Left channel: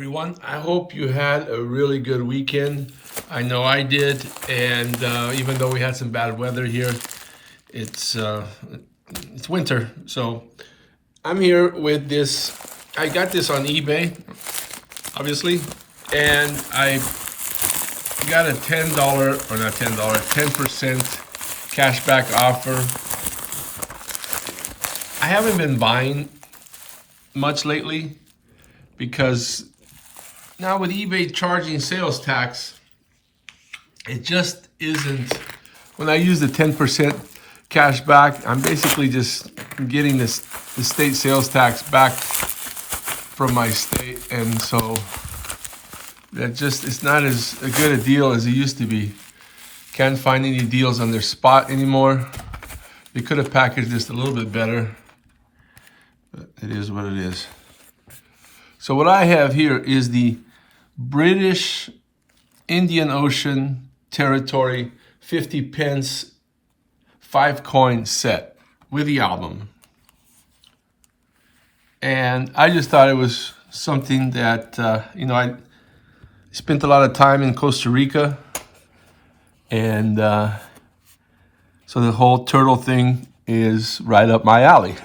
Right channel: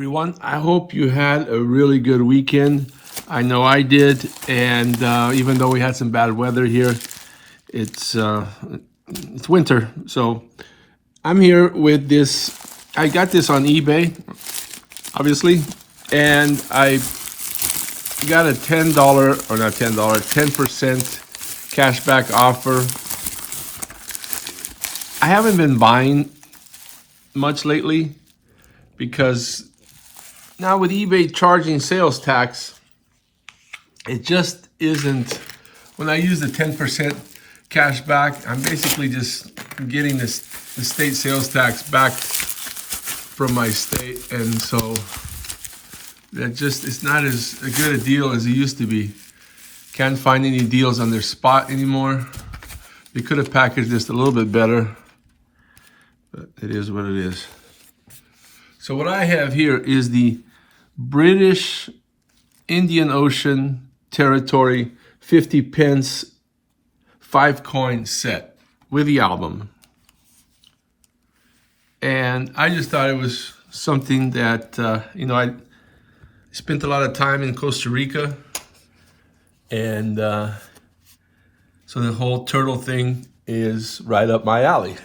everyone. I hope you had a really good weekend. I know I did, and even though we had some bad weather here, it's winter. So I'm here with this. I got this on eBay, obviously, and I got a $10 or not $10, 10% cashback offer. I haven't been buying much lately because now with eBay charging sales tax, it just isn't. When I use the 10% cash back, I'm basically just getting the state sales tax back from my state, and so that just, it's not as good a deal as it used to be. Can't find any deals on their spot anymore. They could have packaged this a little bit better, but it is what it is. So what I have here is the British Indian Ocean Territory 50 pence 5-coin set with the album. And I just thought it was something that, I spent a lot of time in Costa Rica. And so the whole turtle thing is right up my alley,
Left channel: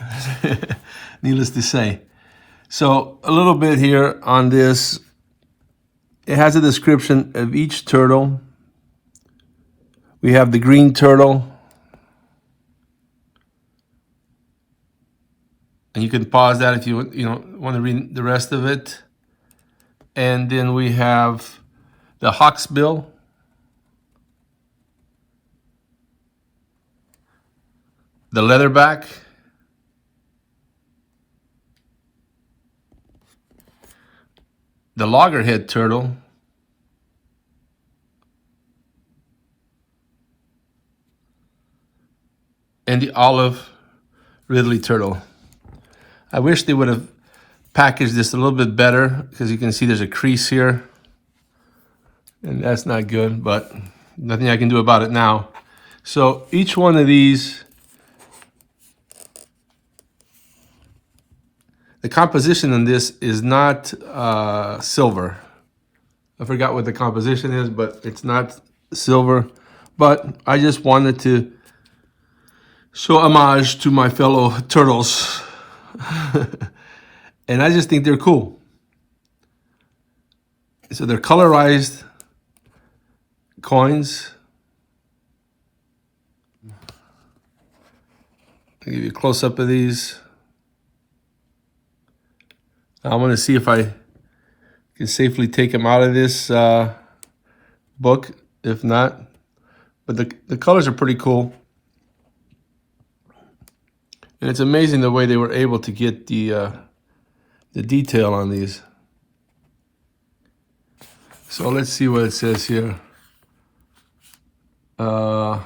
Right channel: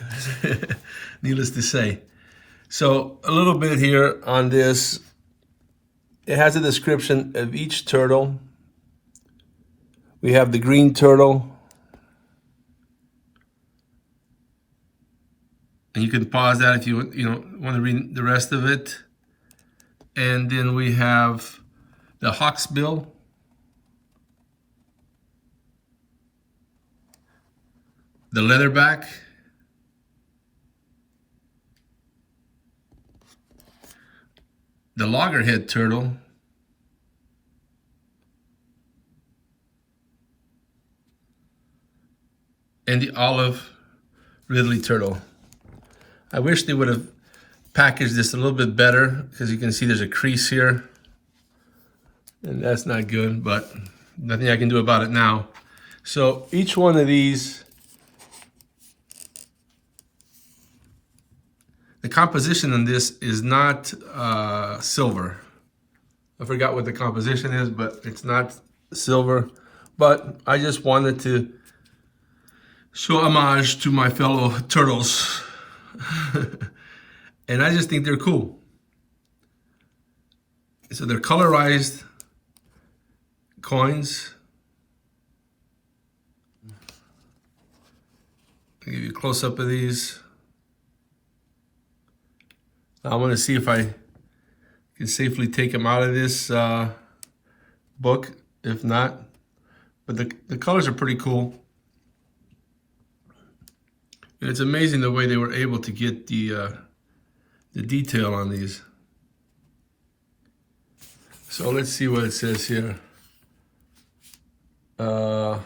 needless to say. So a little bit here on this. It has a description of each turtle. We have the green turtle. And you can pause that if you want to read the rest of it. And then we have the hawksbill. The leatherback. The loggerhead turtle. And the olive Ridley turtle. I wish they would have packaged this a little bit better, because you can see there's a crease here. And that's not good, but nothing I can do about it now. So each one of these, the composition on this is not silver. I forgot what the composition is, but it's not silver. But I just wanted to show homage to my fellow turtles. And I just think they're cool. So they're colorized coins. I'll give you a close-up of these. I'm going to see if I can safely take them out of this book. If not, but the colors are pretty cool. And it's amazing the way they were able to get the detail on these. So let's see what it says here. So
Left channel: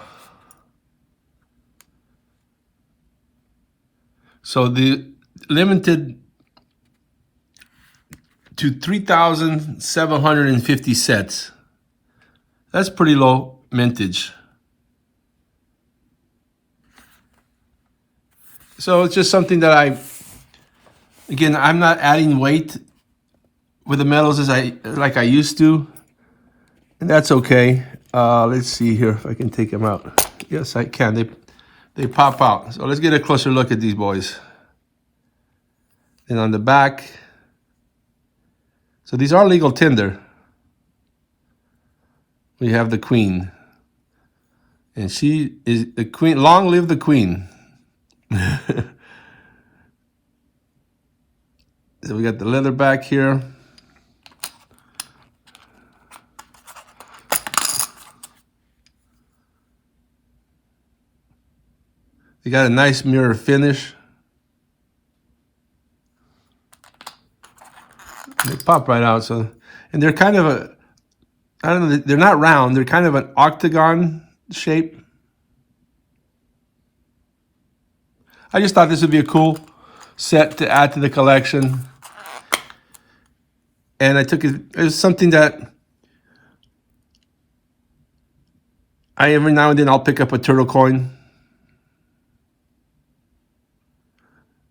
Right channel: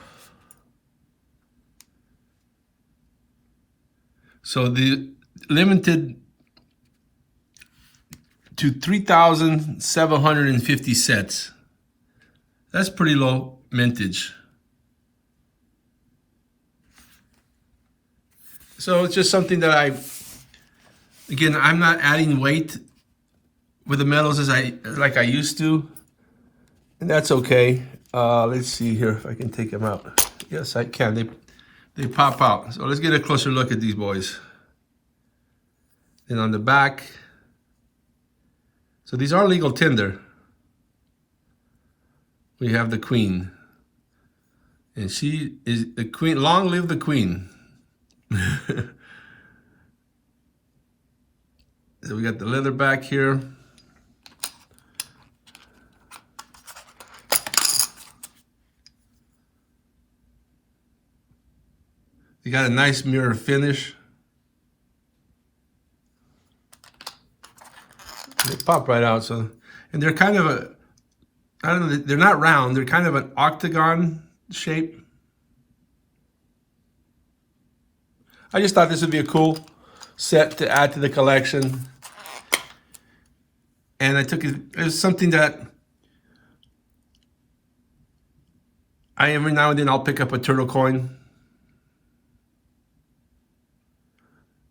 the limited to 3,750 sets. That's pretty low mintage. So it's just something that I'm not adding weight with the metals like I used to, and that's okay. Let's see here if I can take them out. Yes, I can. They pop out. So let's get a closer look at these boys. And on the back, so these are legal tender. We have the queen, and she is the queen. Long live the queen. So we got the leather back here. They got a nice mirror finish. They pop right out. So, and they're kind of I don't know, they're not round. They're kind of an octagon shape. I just thought this would be a cool set to add to the collection. And I took it as something that every now and then I'll pick up a turtle coin.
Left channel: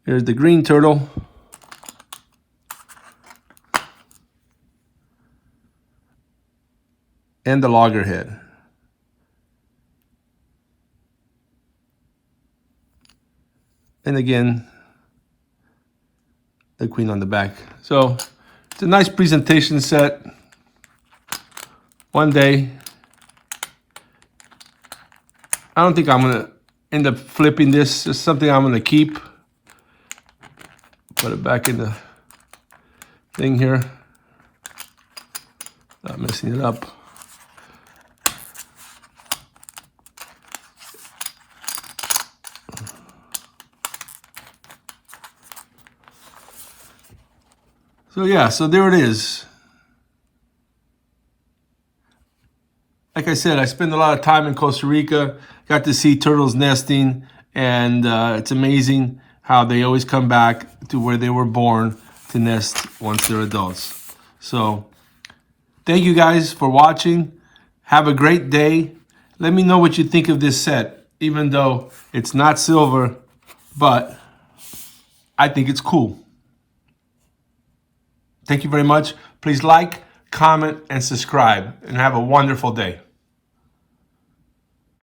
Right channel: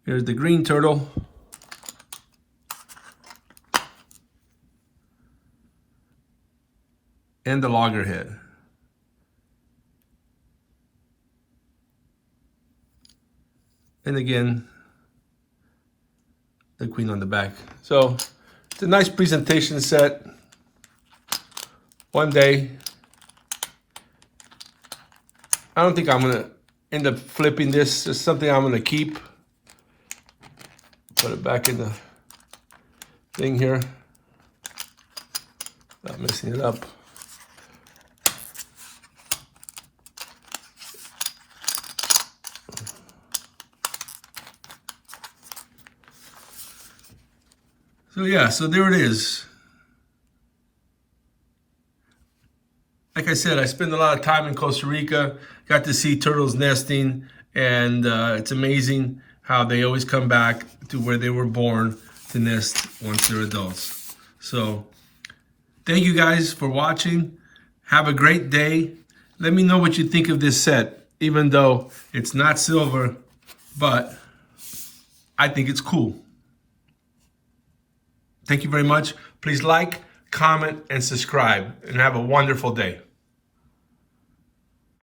Here's the green turtle. and the loggerhead. And again, the queen on the back. So it's a nice presentation set. One day, I don't think I'm gonna end up flipping this. It's something I'm gonna keep. Put it back in the thing here. Not messing it up. So yeah, so there it is. Like I said, I spend a lot of time in Costa Rica, got to see turtles nesting, and it's amazing how they always come back to where they were born to nest once they're adults. So thank you guys for watching. Have a great day. Let me know what you think of this set, even though it's not silver, but I think it's cool. Thank you very much. Please like, comment, and subscribe, and have a wonderful day.